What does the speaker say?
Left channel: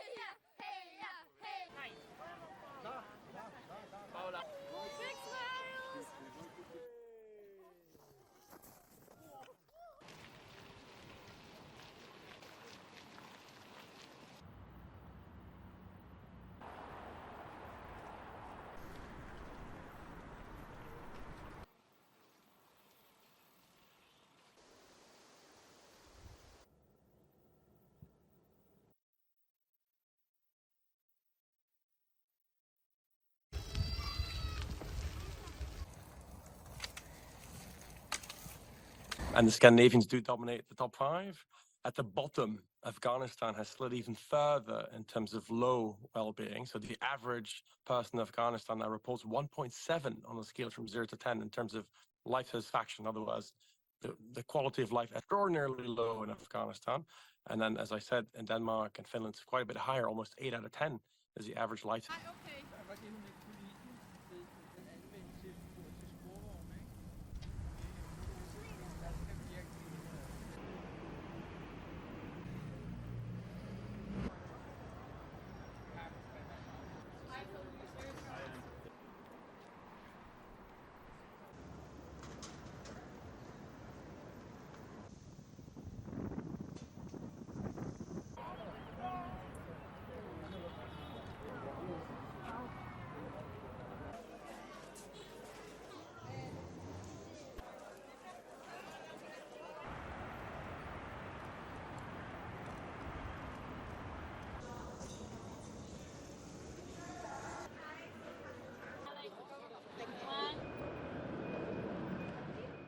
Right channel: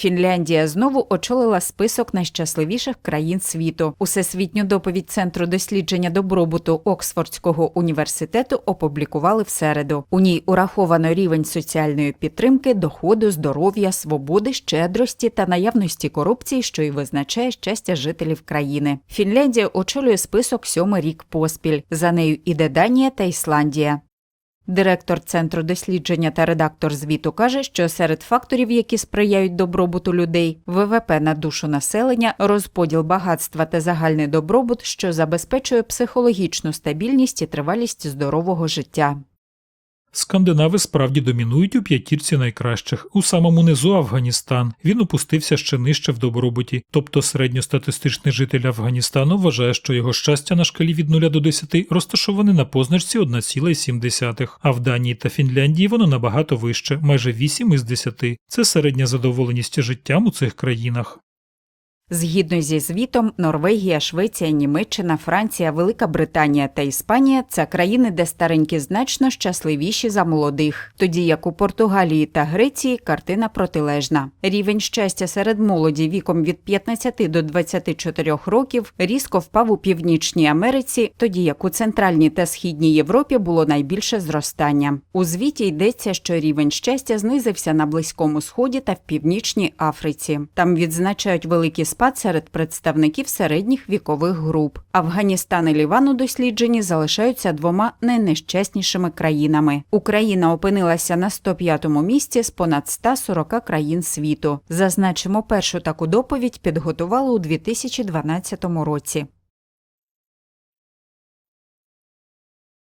Фінляндія знову очолила список найщасливіших країн світу. Усесвітню доповідь Центру дослідження добробуту Оксфордського університету опублікували в середу. У ній ураховано рівень соціальної підтримки, доходу, здоров'я, свободи, щедрості та наявності корупції, що й визначає щастя жителів країни. Фінляндія очолює список сьомий рік поспіль. За нею іде Данія та Ісландія. Директор центру дослідження та редактор звіту каже, що серед факторів, які сприяють добробуту людей, ВВП на душу населення, розподіл багатства та загальний добробут, що забезпечує психологічну стабільність і тривалість здорового життя. Скандинави справді домінують у п'ятірці найкращих. У самому низу Афганістан. Він опустився ще нижче в добробуті. Тобто середньостатистичний житель Афганістану вважає, що його щастя на шкалі від 0 до 10 розташоване на позначці 1,7. А в Данії та Фінляндії воно набагато вище, майже 8 із 10. Це середня задоволеність життям у цих країнах. Згідно зі звітом, Норвегія, Швеція, Німеччина, Франція, Велика Британія та Іспанія це країни, де старенькі значно щасливіші за молодих. Тоді як у Португалії та Греції картина протилежна. Рівень щастя серед молоді віком від 15 до 24 років різко впав у Північній Америці, тоді як у Центральній та Східній Європі було найбільше зростання. У звіті йдеться, що рівень щастя знизився на Близькому Сході та в Північній Африці. Там відзначають великий спад серед представників середніх вікових груп. Афганістан і Ліван у дослідженні залишаються двома найнещаснішими країнами. Україна опинилася на 105-му місці з понад 140 країн світу. Зазначимо, першу таку доповідь підготували у 2012 році.